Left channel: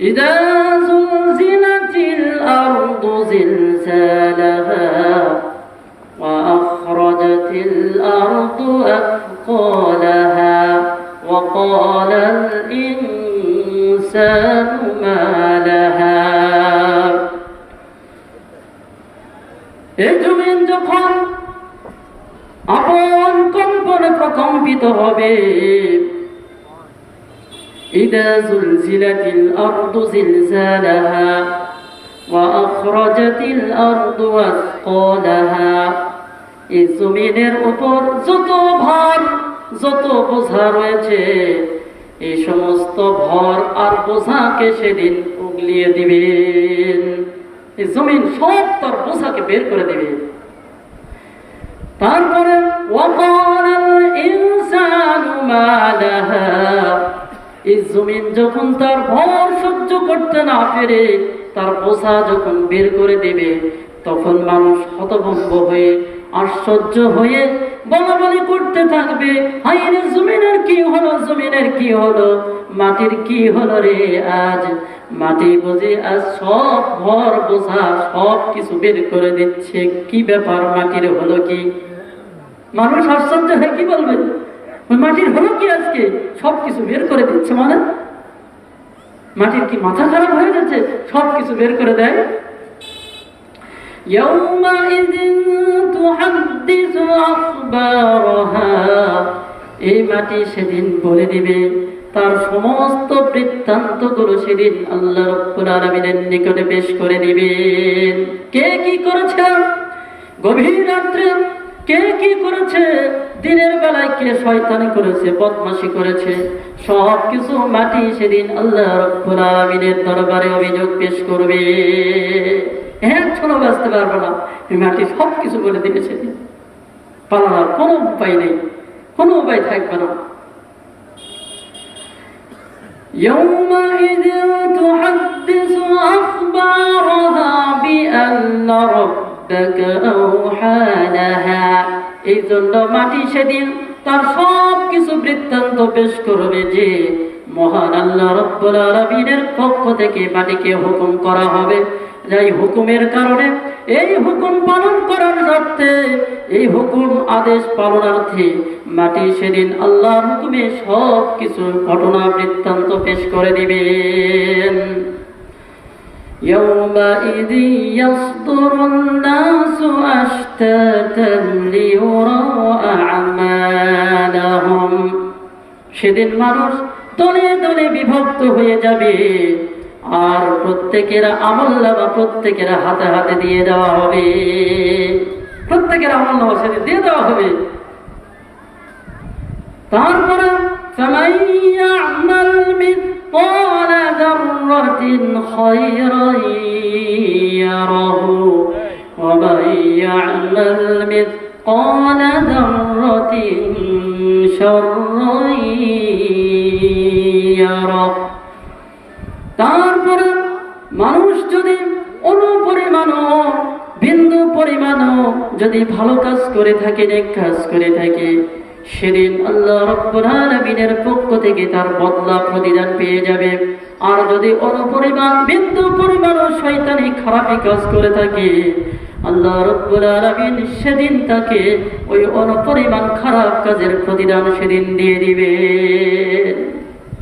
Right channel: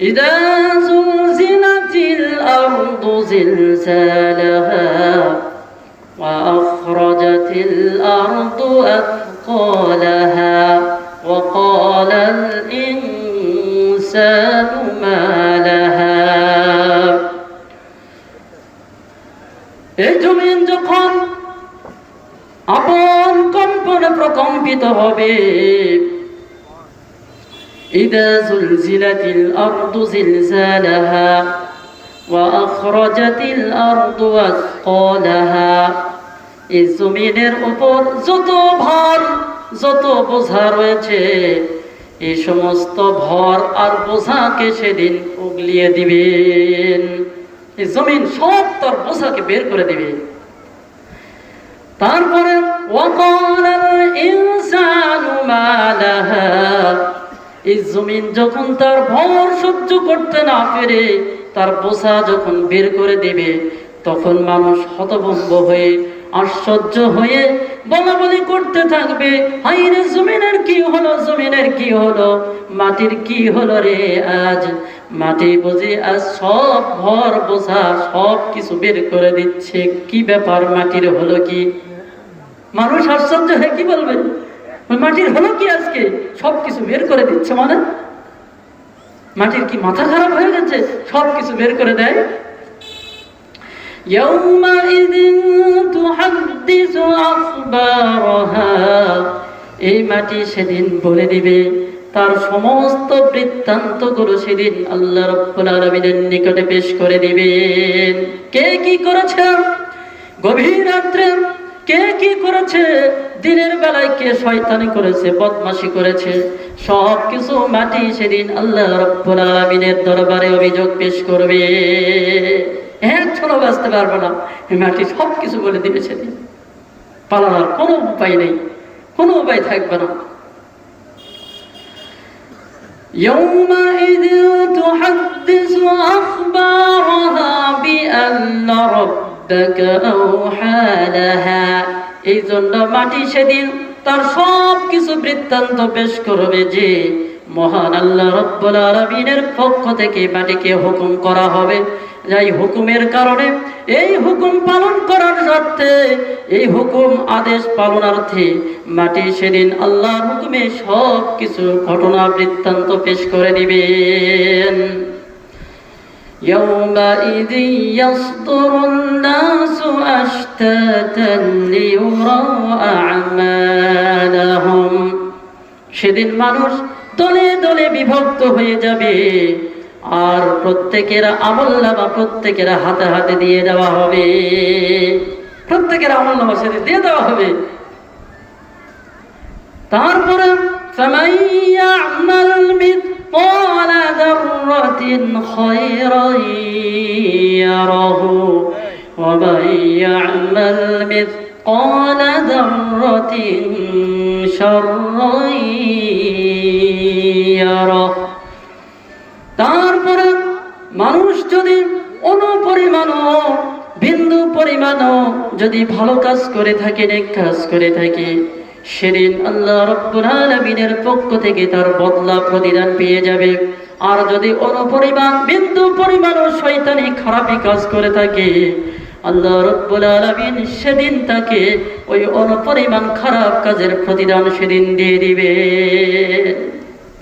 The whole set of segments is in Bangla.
إذا زلزلت الأرض زلزالها وأخرجت الأرض أثقالها وقال الإنسان ما لها এই জমিন যখন আপন কম্পনে প্রকম্পিত হবে إذا زلزلت الأرض زلزالها وأخرجت الأرض أثقالها এই জমিনের উপর যত ভার যত বোঝা রয়েছে এই সমস্ত ভর আর বোঝাকে সেদিন উগলিয়ে দিবেন এই জমিন সব তার বোঝাকে বের করে দিবে তারপরে وقال الإنسان ما لها এই জমিন যখন তার ভর সহ্য করতে না পেরে, তার বোঝা যখন বের করে দেবে, তখন মানুষ হতভম্ব হয়ে, আশ্চর্য হয়ে বলা বলি করতে থাকবে হাই রে জমিনের কি হলো, জমিনের কি হলো, মাটির কি হলো রে আজ? মাটি বুঝে আজ সব ভর বোঝা, সব কিছু বের করে দিচ্ছে, কি ব্যাপার মাটির হলো কি? মানুষ আশ্চর্য হয়ে কি বলবে? মাটির হলো কি আজকে সব কিছু বের করে দিচ্ছে মানে? মাটির কি মাথা খারাপ হয়ে গেছে? সব কিছু বের করে দেয়। এই মাটি সেদিন বলে দিবে। তার সমস্ত বৃত্তান্তগুলো সেদিন আল্লাহ রব্বুল আলমিনের নিকটে পেশ করে দিবেন। কে কি করেছে? গভীর রাত্রে কে কি করেছে দিনের বেলায় কে শয়তানি করেছে বদমাশি করেছে সব কিছু মাটি সেদিন আল্লাহ রব্বুল আলমিনের দরবারে অভিযোগ পেশ করবে এক ছোট বাঁচতে পারবো না এই মাটি সব কিছু বলে দিবে সেদিন পালানোর কোনো উপায় নেই কোনো উপায় থাকবে না يومئذ تحدث أخبارها بأن ربك أوحى لها এই জন্য মাটি সেদিন তার সব কিছু বৃত্তান্ত পেশ করবে যে, মহান আল্লাহ রব্বুল আলামিনের পক্ষ থেকে মাটিকে হুকুম করা হবে। যাই হুকুমের কারণে এই হুকুম পালন করার স্বার্থে, এই হুকুম আদেশ পালনার্থে মাটি সেদিন আল্লাহর হুকুমে সব কিছু ঘটনা বৃত্তান্ত পেশ করে দিবেন। يومئذ يصدر الناس أشتاتا ليروا أعمالهم সেদিন মানুষ দলে দলে বিভক্ত হয়ে যাবে আর প্রত্যেকের আমল নামা প্রত্যেকের হাতে হাতে দিয়ে দেওয়া হবে প্রত্যেকের আমল নামা সেদিন দিয়ে দেওয়া হবে তারপরে فمن يعمل مثقال ذرة خيرا يره ومن يعمل مثقال ذرة شرا يره তারপরে মানুষ যদি অনুপরিমাণও বিন্দু পরিমাণও যদি ভালো কাজ করে থাকে নেক কাজ করে থাকে সেদিন আল্লাহ রব্বুল আলামিনের পক্ষ থেকে তার বদলা প্রতিদান পেয়ে যাবে। আর যদি অনুপরিমাণ, বিন্দু পরিমাণও শয়তানি খারাপি কাজ করে থাকে, আল্লাহ রব্বুল আলামিন সেদিন তাকে ওই অনুপরিমাণ খারাপ কাজের প্রতিদান সেদিন দিয়ে দিবে।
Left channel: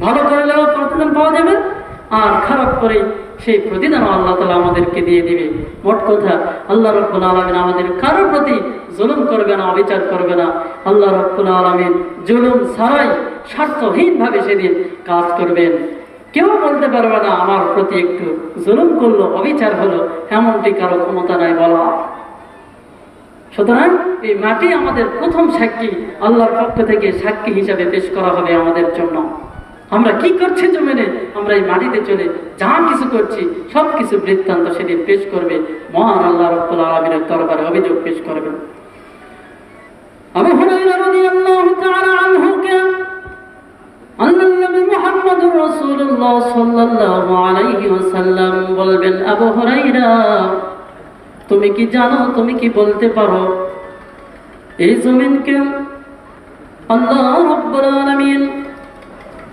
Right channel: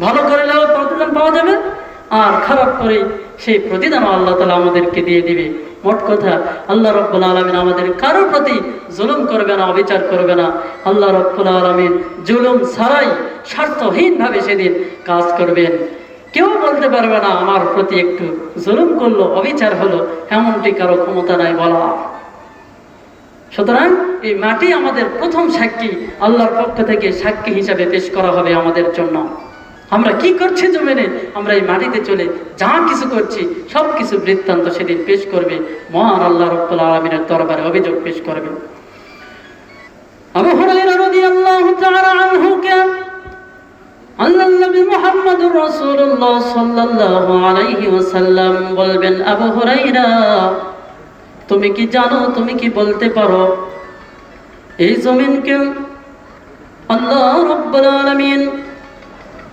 ভালো করলেও প্রতিদান পাওয়া যাবে? আর খারাপ করে সেই প্রতিদান আল্লাহ তালা আমাদেরকে দিয়ে দিবে। মোট কথা, আল্লাহ রব্বুল আলমিন আমাদের কারও প্রতি জুলুম করবে না, অবিচার করবে না। আল্লাহ রব্বুল আলমিন জুলুম ছাড়াই স্বার্থহীন ভাবে সেদিন কাজ করবেন। কেউ বলতে পারবে না, আমার প্রতি একটু জুলুম করল, অবিচার হলো, এমনটি কারও ক্ষমতা নাই বলা। সুতরাং এই মাটি আমাদের প্রথম সাক্ষী, আল্লাহর পক্ষ থেকে সাক্ষী হিসাবে পেশ করা হবে আমাদের জন্য। আমরা কি করছি জমিনে? আমরা এই মাটিতে চলে যা কিছু করছি সব কিছু বৃত্তান্ত সেদিন পেশ করবে। মহান আল্লাহ রব্বুল আলমিনের দরবারে অভিযোগ পেশ করবে। আবু বলবেন, আবু তুমি কি জানো, তুমি কি বলতে পারো? এই জমিনকে আল্লাহ রব্বুল আলামিন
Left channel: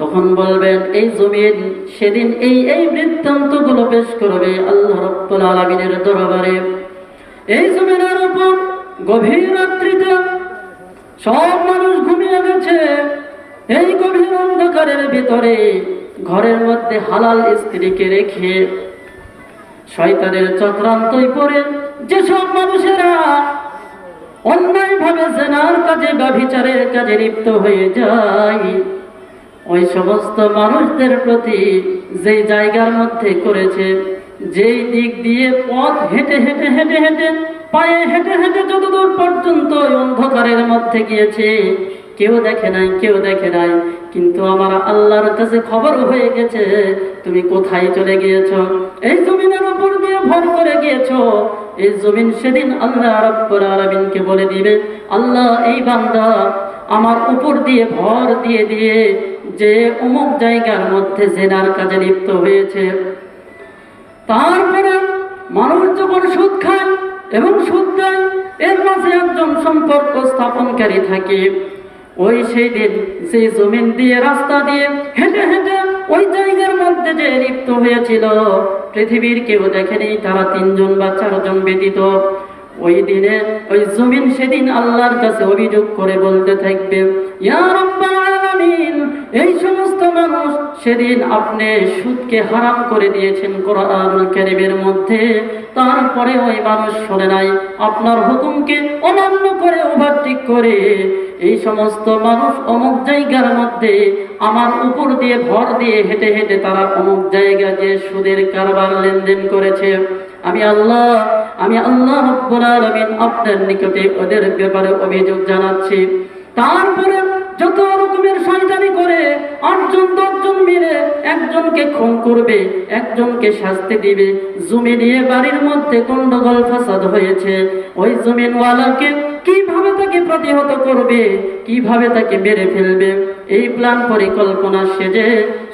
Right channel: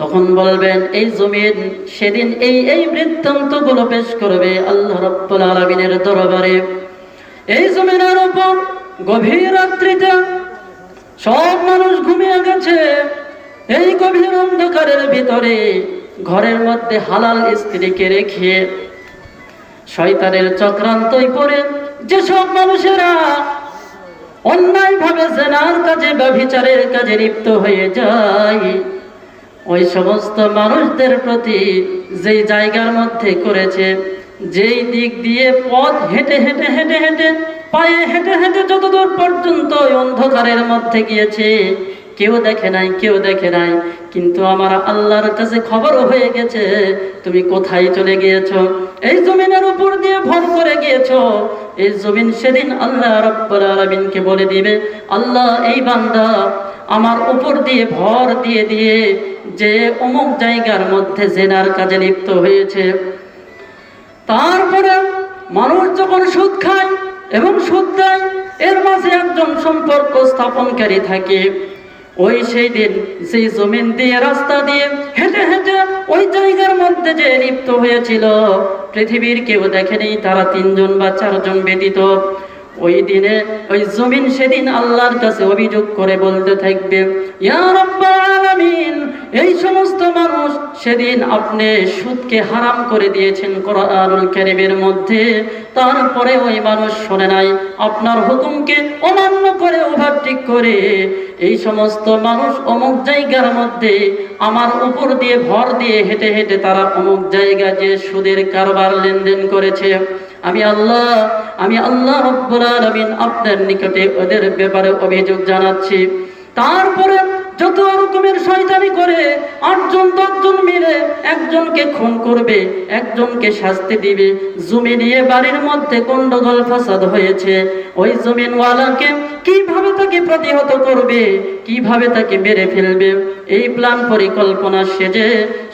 তখন বলবেন, এই জমিন সেদিন এই এই বৃত্তান্তগুলো পেশ করবে আল্লাহ রাব্বুল আলামিনের দরবারে। এই জমিনের উপর গভীর রাত্রিতে সব মানুষ ঘুমিয়ে গেছে। এই গভীর অন্ধকারের ভিতরে ঘরের মধ্যে হালাল স্ত্রীকে রেখে শয়তানের চক্রান্তই পড়ে যেসব মানুষেরা অন্যায় ভাবে জেনার কাজে বিচারের কাজে লিপ্ত হয়ে যায় ওই সমস্ত মানুষদের প্রতি যে জায়গার মধ্যে করেছে, যেই দিক দিয়ে পথ হেঁটে হেঁটে হেঁটে হেঁটে, পায়ে হেঁটে হেঁটে যতদূর পর্যন্ত অন্ধকারের মধ্যে গিয়েছে, কেউ দেখে নাই, কেউ দেখে নাই। কিন্তু আমার আল্লাহর কাছে খবর হয়ে গেছে, তুমি কোথায় চলে গিয়েছো? এই জমিনের উপর দিয়ে ভর করে গিয়েছো। এই জমিন সেদিন আল্লাহ রব্বুল বলে দিবে, আল্লাহ, এই বান্দা, আমার উপর দিয়ে ভর দিয়ে দিয়ে যে অমুক জায়গার মধ্যে জেনার কাজে লিপ্ত হয়েছে। তারপরে মানুষ যখন সুদ খায় এবং সুদ দেয়, এর মাঝে একজন সম্পর্ক স্থাপনকারী থাকে। ওই সেই দিন সেই জমিন দিয়ে রাস্তা দিয়ে হেঁটে হেঁটে ওই জায়গার মধ্যে যে লিপ্ত হয়েছিল, পৃথিবীর কেউ দেখেনি, তারা তিনজন বা চারজন ব্যতীত। ওই দিনে, ওই জমিন সেদিন আল্লাহর কাছে অভিযোগ করে বলতে থাকবে এই সমস্ত মানুষ সেদিন আপনি সুদকে হারাম করে দিয়েছেন মধ্যে। তারপরে ওই মানুষ শোনে নাই। আপনার হুকুমকে অমান্য করে ওভারটেক করে। এই সমস্ত মানুষ অমুক জায়গার মধ্যে আমার উপর দিয়ে ভর দিয়ে হেঁটে হেঁটে তারা অমুক জায়গা যে সুদের কারবার লেনদেন করেছে। আমি আল্লাহ আমি আল্লাহ রব্বুল আলামিন আপনার নিকটে ওদের ব্যাপারে অভিযোগ জানাচ্ছি। তারপরে যত রকমের শয়তানি করে আটজন, দশজন মিলে একজনকে খুন করবে, একজনকে শাস্তি দিবে। জমি নিয়ে বাড়ির মধ্যে গন্ডগোল, ফাসাদ হয়েছে। ওই জমিনওয়ালাকে কীভাবে তাকে প্রতিহত করবে? কীভাবে তাকে মেরে ফেলবে? এই প্ল্যান পরিকল্পনা সেজে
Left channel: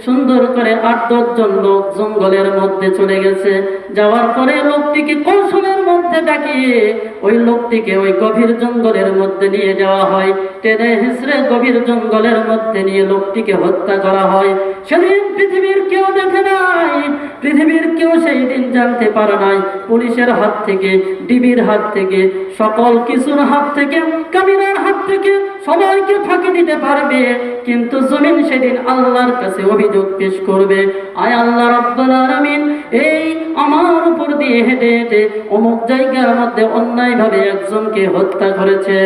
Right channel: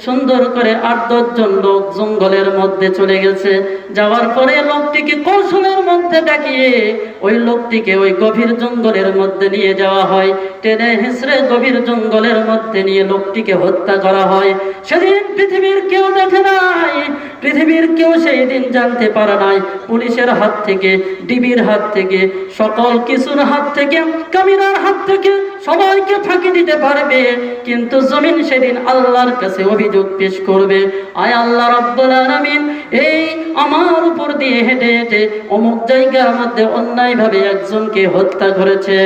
সুন্দর করে আট দশজন লোক জঙ্গলের মধ্যে চলে গেছে। যাওয়ার পরে লোকটিকে কৌশলের মধ্যে ডাকিয়ে ওই লোকটিকে ওই গভীর জঙ্গলের মধ্যে নিয়ে যাওয়া হয়। টেনে হেসড়ে গভীর জঙ্গলের মধ্যে নিয়ে লোকটিকে হত্যা করা হয়। সেদিন পৃথিবীর কেউ দেখে নাই। পৃথিবীর কেউ সেই দিন জানতে পারে নাই। পুলিশের হাত থেকে, ডিবির হাত থেকে, সকল কিছুর হাত থেকে কামিনার হাত থেকে সবাইকে ফাঁকি দিতে পারবে, কিন্তু জমিন সেদিন আল্লাহর কাছে অভিযোগ পেশ করবে। আয় আল্লাহ রব্বুল আলামিন, এই আমার উপর দিয়ে হেঁটে হেঁটে অমুক জায়গার মধ্যে অন্যায়ভাবে একজনকে হত্যা করেছে।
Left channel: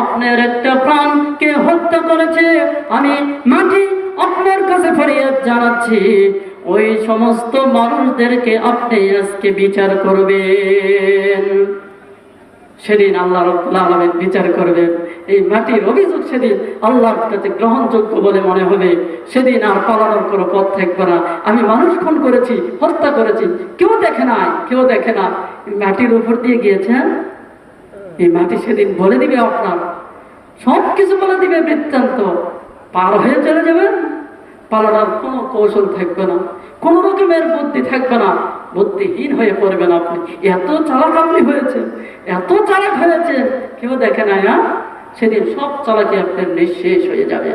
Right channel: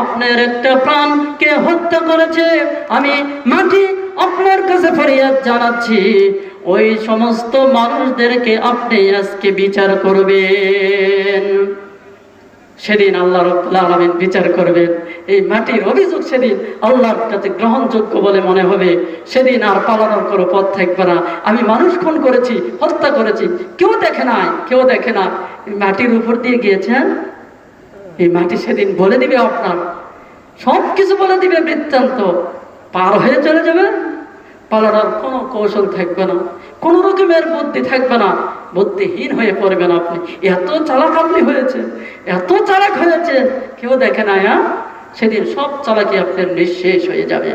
আপনার একটা প্রাণকে হত্যা করেছে, আমি মাটি আপনার কাছে ফরিয়াদ জানাচ্ছি। ওই সমস্ত মানুষদেরকে আপনি আজকে বিচার করবেন। সেদিন আল্লাহ রব্বুল আলামিন বিচার করবেন এই মাটির অভিযোগ সেদিন আল্লাহর কাছে গ্রহণযোগ্য বলে মনে হবে। সেদিন আর পালানোর কোনো পথ থাকবে না। আমি মানুষ খুন করেছি, হত্যা করেছি। কেউ দেখে নাই, কেউ দেখে না। মাটির উপর দিয়ে গিয়েছেন এই মাটি সেদিন বলে দিবে আপনার। সব কিছু বলে দিবে বৃত্তান্ত। পার হয়ে চলে যাবেন পালানোর কোনো কৌশল থাকবে না। কোনো রকমের বুদ্ধি থাকবে না। বুদ্ধিহীন হয়ে পড়বেন আপনি। এত চালাক আপনি হয়েছে, এত চালাক হয়েছে, কেউ দেখে না হ্যাঁ? সেদিন সব চালাকি আপনার নিঃশেষ হয়ে যাবে।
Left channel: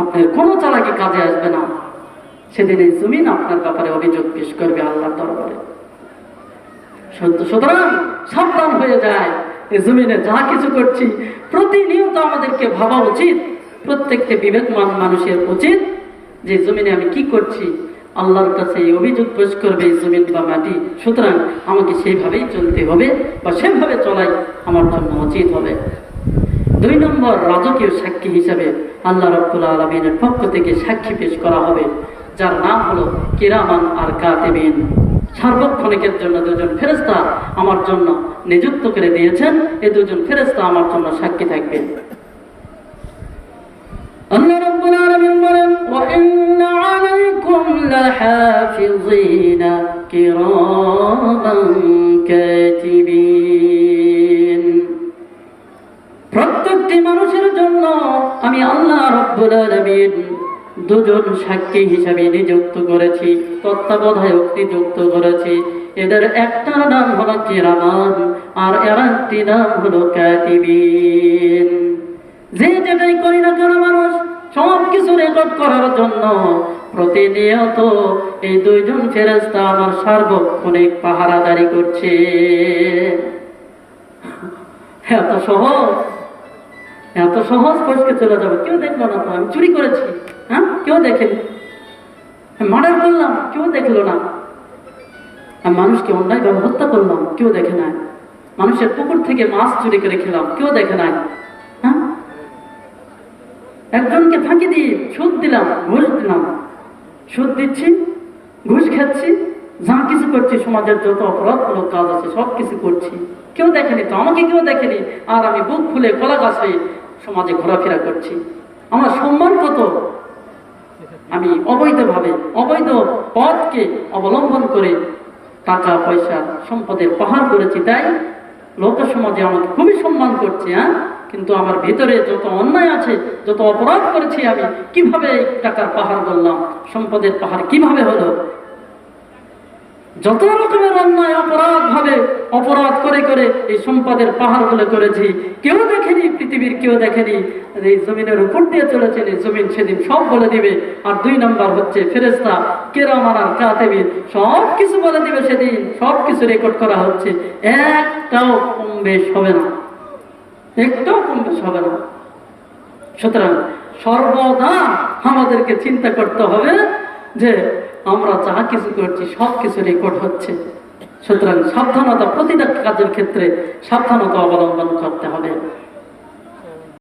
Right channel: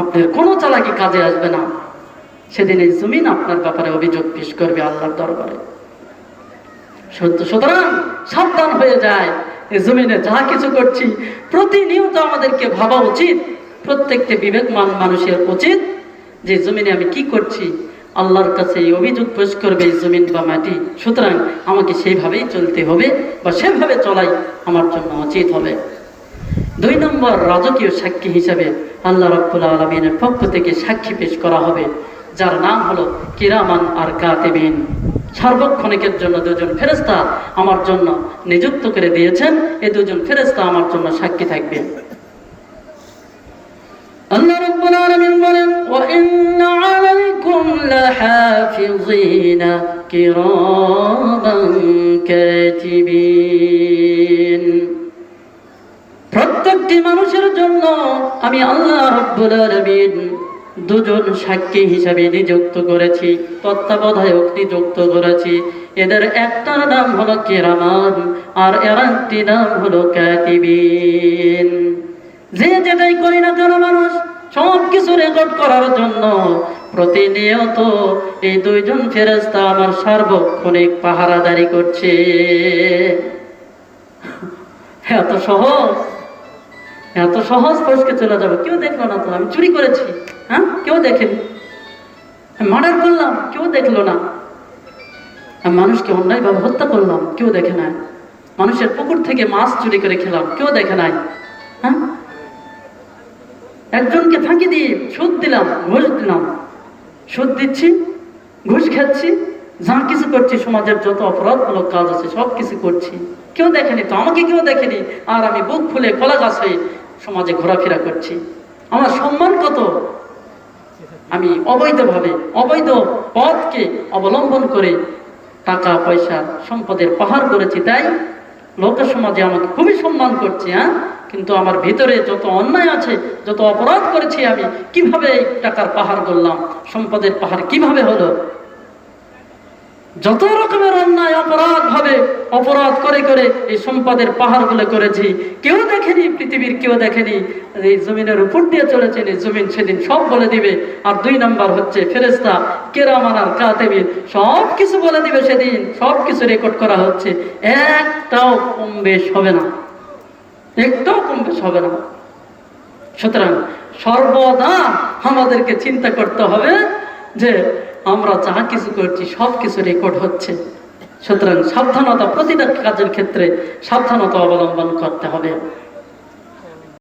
আপনার কোনো চালাকি কাজে আসবে না। সেদিন এই জমিন আপনার ব্যাপারে অভিযোগ পেশ করবে আল্লাহর দরবারে। সুতরাং সাবধান হয়ে যায়। এই জমিনে যা কিছু করছি, প্রতিনিয়ত আমাদেরকে ভাবা উচিত। প্রত্যেকটি বিবেকমান মানুষের উচিত যে জমিনে আমি কি করছি আল্লাহর কাছে অভিযোগ পেশ করবে জমিন বা মাটি। সুতরাং আমাকে সেইভাবেই চলতে হবে বা সেভাবে চলাই আমার জন্য উচিত হবে। দুই নম্বর রাজকীয় সাক্ষী হিসাবে আল্লাহ রব্বুল আলমিনের পক্ষ থেকে সাক্ষী পেশ করা হবে, যার নাম হলো কিরামান আর কাতেবিন। সার্বক্ষণিকের জন্য দুজন ফেরেস্তা আমার জন্য নিযুক্ত করে দিয়েছেন, এই দুজন ফেরেস্তা আমার জন্য সাক্ষী থাকবেন আল্লাহ রাব্বুল আলামিন বলেন লাহাফিযিনা কিরামান কাতিবিন প্রত্যেকটি মানুষের জন্য আমি আল্লাহ রাব্বুল আলামিন দুজন সাক্ষী হিসাবে নিযুক্ত করেছি, তত্ত্বাবধায়ক নিযুক্ত করেছি। এদের একটার নাম হলো কিরামান আর এর একটি নাম হলো কাতিবিন। যে যেটাই করি না কেন মানুষ সব কিছু রেকর্ড করার জন্য প্রতিনিয়ত এই দুইজন ফেরেস্তা আমার সার্বক্ষণিক পাহারাদারি করছে। এত সহজ এত সহজ ফসকে চলে যাবে। কেউ দেখল না তো? আমি চুরি করেছি হ্যাঁ? কেউ দেখেনি। মার্ডার করলাম, কেউ দেখল না। মানুষকে অন্যায়ভাবে হত্যা করলাম, কেউ দেখে নাই। মানুষের পুকুর থেকে মাছ চুরি করে খেলাম, কেউ দেখে নাই। হ্যাঁ? একজনকে ফাঁকি দিয়ে সুদ দিলাম, ঘুষ দিলাম। সুদ দিচ্ছি, ঘুষ খাচ্ছি, যা কিছু করছি, সমাজের যত অপরাধমূলক কাজ আছে, সব কিছু করছি। কেউ দেখেনি তো? আমাকে কেউ দেখেনি? আর আমি বুক খুলে কলা গাছ সমাজে ঘোরাফেরা করছি। আমার সম্মান কত? আমি অবৈধভাবে, অবৈধ পথকে অবলম্বন করে টাকা, পয়সা, সম্পদের পাহাড় করেছি তাই লোক সমাজে আমাকে খুবই সম্মান করছে হ্যাঁ? কিন্তু আমার ভিতরে যত অন্যায় আছে, যত অপরাধ করেছি আমি, কীভাবে টাকার পাহাড় করলাম সম্পদের পাহাড় কীভাবে হলো? যত রকমের অন্যায় অপরাধ ভাবে অপরাধ করে করে এই সম্পদের পাহাড়গুলো করেছি, কেউ দেখেনি, পৃথিবীর কেউ দেখেনি, এই জমিনের উপর দিয়ে চলেছেন, এই জমিন সেদিন সব বলে দিবে। আর দুই নাম্বার হচ্ছে ফেরেস্তা কেরামান আর কাতেবির সব কিছু বলে দিবে সেদিন, সব কিছু রেকর্ড করা হচ্ছে। একটাও কম বেশ হবে না। একটাও হবে না। সুতরাং সর্বদা আমাদেরকে চিন্তা করতে হবে যে আমরা যা কিছু করছি, সব কিছু রেকর্ড হচ্ছে। সুতরাং সাবধানতা, প্রতিটা কাজের ক্ষেত্রে সাবধানতা অবলম্বন করতে হবে।